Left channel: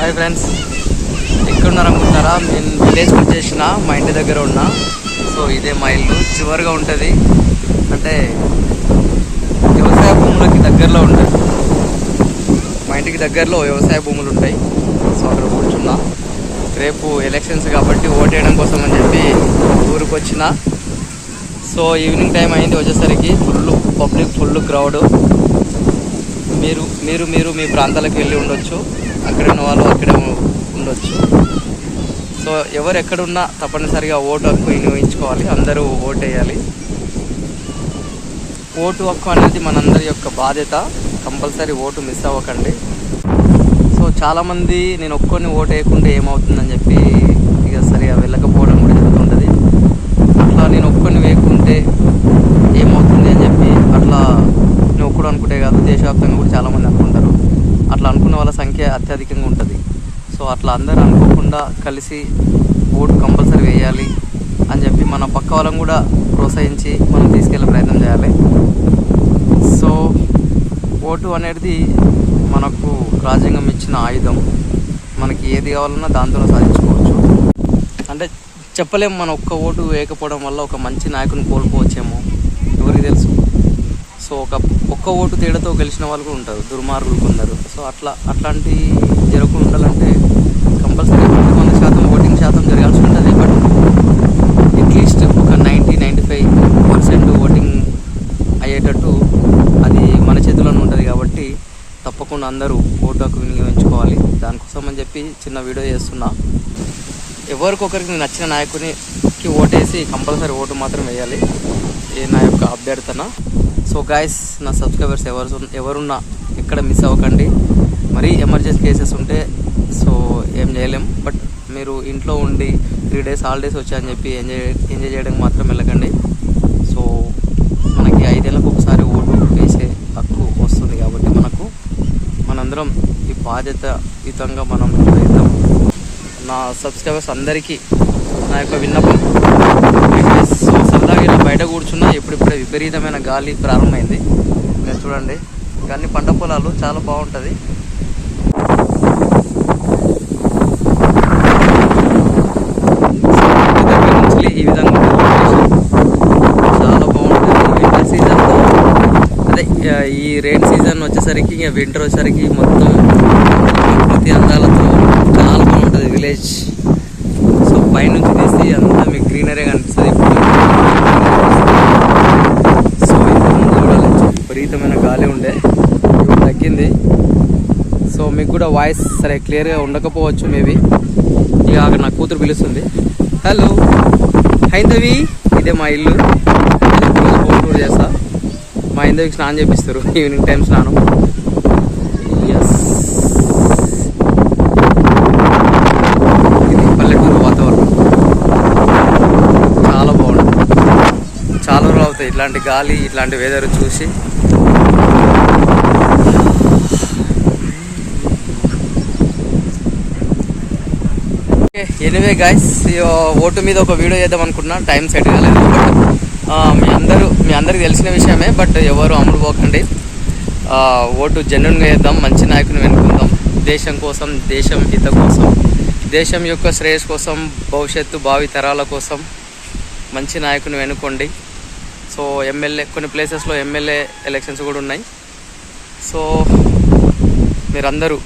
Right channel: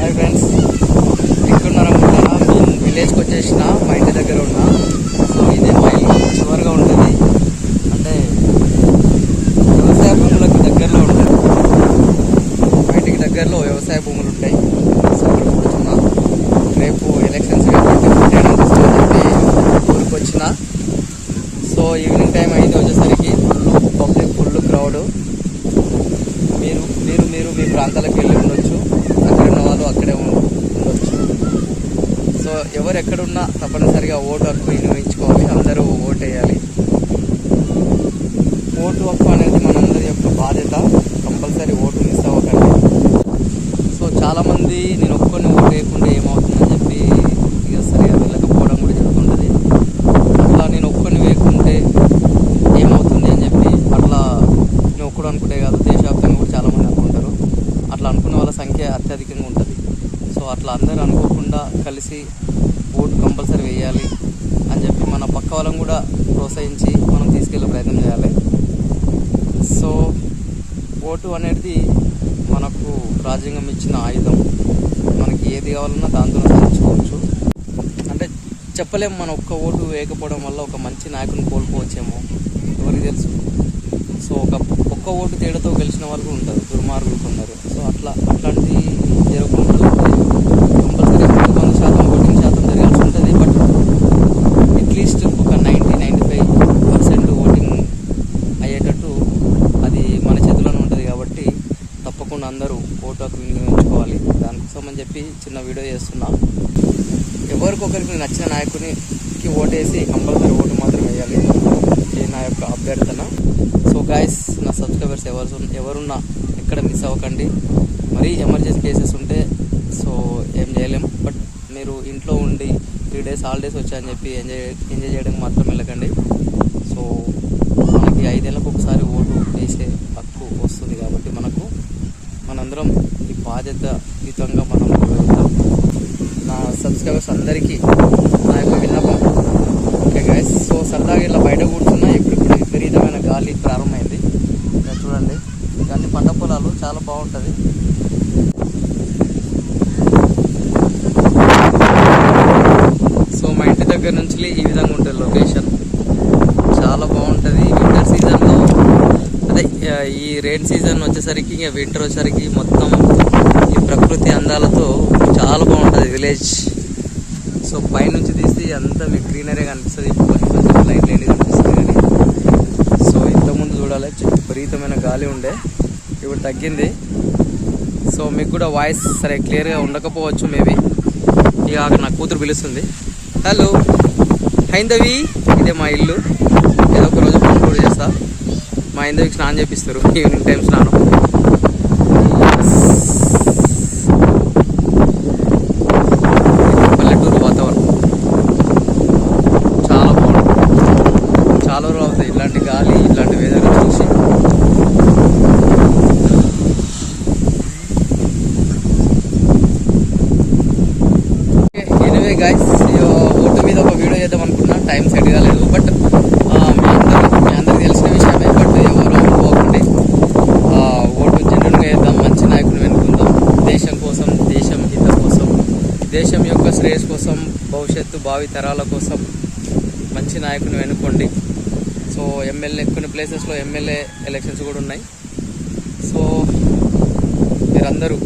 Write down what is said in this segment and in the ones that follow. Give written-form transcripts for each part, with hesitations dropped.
Hi friends, ఎక్కడున్నారు అనుకుంటారా? నేను విలేజ్కి వచ్చేసిన, మా ఇంటి దగ్గర ఉన్నా. సో ఇదే మా ఇల్లు చివరిగా ఉంటుంది, అంటే వ్యవసాయ భూములకి దగ్గరలో ఉంటుంది. మా ఇంటికి దగ్గరలో వ్యవసాయ భూములు ఉంటాయి. సో అక్కడ కూర్చున్నా. రేపు ఎలక్షన్స్ కాబట్టి ఓటేయడం కోసం అని చెప్పి ఊరికి వచ్చిన. సో ఈవినింగ్ టైం అయింది, వచ్చేసరికి పబ్లిక్ ఫుల్ క్రౌడ్. మీరు మీ ప్రాంతాలకు వెళ్ళి ఉండొచ్చు, అక్కడ ఉన్న వాళ్ళు అక్కడే ఉండొచ్చు. సో ఎవరు ఎక్కడున్నా తప్పనిసరిగా ఓటు హక్కు వినియోగించుకోవాలి, అందరూ ఓటు వేయాలి. ఓటు హక్కు అనేది మనందరి యొక్క బాధ్యత. కంపల్సరీ ఓటు మిస్ అవ్వకండి. సో చాలామంది నేను ఒక్కొని ఓటు వేయకుండా ఏమవుతుందని చెప్పి ఇక సరిగా వెళ్ళకపోవడం కూడా జరుగుతుంటుంది. అట్లా నేను ఒక్కొని వేయకుంటే ఏమవుతుంది అని చెప్పి అట్లా నేను ఒక్కడు అనుకుంటే కాదు, దేశవ్యాప్తంగా కూడా చాలామంది అనుకుంటారు. అట్లా అనుకున్న వాళ్ళ సంఖ్య అత్యధికంగా ఉంటుంది. సో అట్లా అందరూ అనుకోకుండా కలిసి ఓటు కంపల్సరీ వేయాలి అని చెప్పి మన పక్క వాళ్ళని కూడా ప్రోత్సహించి మనం తీసుకెళ్ళే ప్రయత్నం చేయాలి. సో ఓటు అనేది మనకు రాజ్యాంగం ఇచ్చిన ఆయుధం. మనకి ఏది కావాలన్నా దాంతో సాధించుకోవచ్చు. అంటే చెప్పలేము, మన ఒక్క ఓటు వేయకపోవడం వల్ల ఒక మంచి నాయకుని కోల్పోవచ్చేమో, ఎవరికి తెలుసు. సో ఒక్క ఓటు తేడాతో గెలిచిన వాళ్ళు కూడా ఉంటారు, దుర్మార్గులు కొందరు. సో అట్లాంటి జరగకుండా ఉండాలంటే కంపల్సరీ 100% ఓటింగ్ శాతం జరగాల్సి ఉంటుంది. బట్ అట్లీస్ట్ ఒక 90-95% ఓటింగ్ అయ్యేటట్టు అది మన చేతుల్లోనే ఉంటుంది. కాబట్టి తప్పకుండా అందరూ ఓటు హక్కు వినియోగించుకోవాలి. దానికోసం అని చెప్పి చిన్న వీడియో చేస్తున్నా. ఎవరికొకరికి నచ్చిన నాయకునికి ఓటేసి కంపల్సరీ ఓటు మాత్రం వేయాలి, ఏ నా యొక్క అభ్యర్థన. సో గాయస్, నా సబ్స్క్రైబర్స్ ఎవరున్నా ఎక్కడ మిస్ అవ్వకండి. మరీ ఎమర్జెన్సీ కేసెస్ ఉంటే సో ఏం చేయలేము. బట్ మీరు ఇంట్లో ఉండి 3 days హాలిడేస్ వచ్చాయని చెప్పి ఎంజాయ్ చేయడానికి మాత్రం వెళ్ళకండి. సో మనకి 5 ఏళ్ళకు ఒకసారి ఓటు వేసే హక్కు వస్తుంది. కాబట్టి మనందరం ఈ బాధ్యతాయుతంగా మనం వేద్దాం. నా సబ్స్క్రైబర్స్ అందరికీ నా యొక్క విన్నపం. సో సరదాగా ఇలా బయట కూర్చున్నా, ఇప్పుడిప్పుడే విపరీతమైన గాలి ప్రారంభమైంది. మీరు చూడండి, ఇవన్నీ పంట పొలాలు, చాలా బాగుంటుంది. సో ఇంటి దగ్గర నుంచి ఈ విధంగా ఉంటుంది లొకేషన్, చాలా బాగుంటుంది. వింటర్ సీజన్లో అదే ఈ రెయిన్ సీజన్ వచ్చేసరికి, ఇంకా వింటర్ వచ్చేసరికి మొత్తం ప్రకృతి అందాలతో చాలా బాగుంటుంది విలేజ్. సో పైనుంచి తీసి అంతా మీకు గ్రీనరీ కనిపిస్తుంది. సో ఇంతకుముందు చూడాలి, విపరీతమైన గాలి ఉండే, ఇప్పుడు తగ్గింది. సో మీకు కూడా వాయిస్ సరే క్లియర్గా ఉండకపోవచ్చు మేబీ. ఇక అక్కడ నా కూతురు పిలుస్తుంది. హలో హైందవి, ఇదే మా ఇల్లు. ఏదో ఒక రోజు టూర్ చేస్తా. మా హైందవికి స్నానం చేపిస్తారు, ఈవినింగ్ టైం స్నానం. చాలా బాగుంటుంది. చాలా రోజులు అవుతాయి ఇట్లాంటి గాలి, ఇట్లాంటి వెదర్ చూసి. ఎనీవే గైస్, ఓటు మీద ఒక వీడియో చేద్దాం అనుకున్నా, టైం సెట్ కాలేదు. బట్ మీ అందరికి తెలిసిన విషయమే. బట్ ఎవరు అమ్ముడు పోకండి, ఓటు జెన్యున్గా వేద్దాం, మంచి నాయకుని వెనుకుందాం. దేశం కోసం, దేశం హిత కోసం, దేశం యొక్క శ్రేయస్ కోసం, భవిష్యత్తు భావి తరాల కోసం మంచి నాయకుని వెనుకోండి. సో ఎమ్మెల్యే, కొన్ని ప్లేసెస్లో ఎమ్మెల్యే ఎలక్షన్స్ కూడా ఉన్నాయి. సో మీరందరూ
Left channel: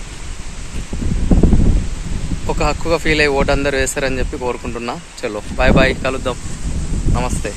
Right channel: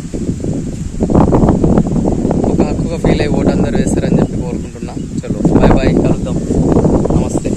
ఒక హక్కుగా ఫీల్ అయ్యి ఓటు అందరూ వేస్తారని చెప్పి కోరుకుంటున్నా. చలో బాయ్ బాయ్, కలుద్దాం, నమస్తే.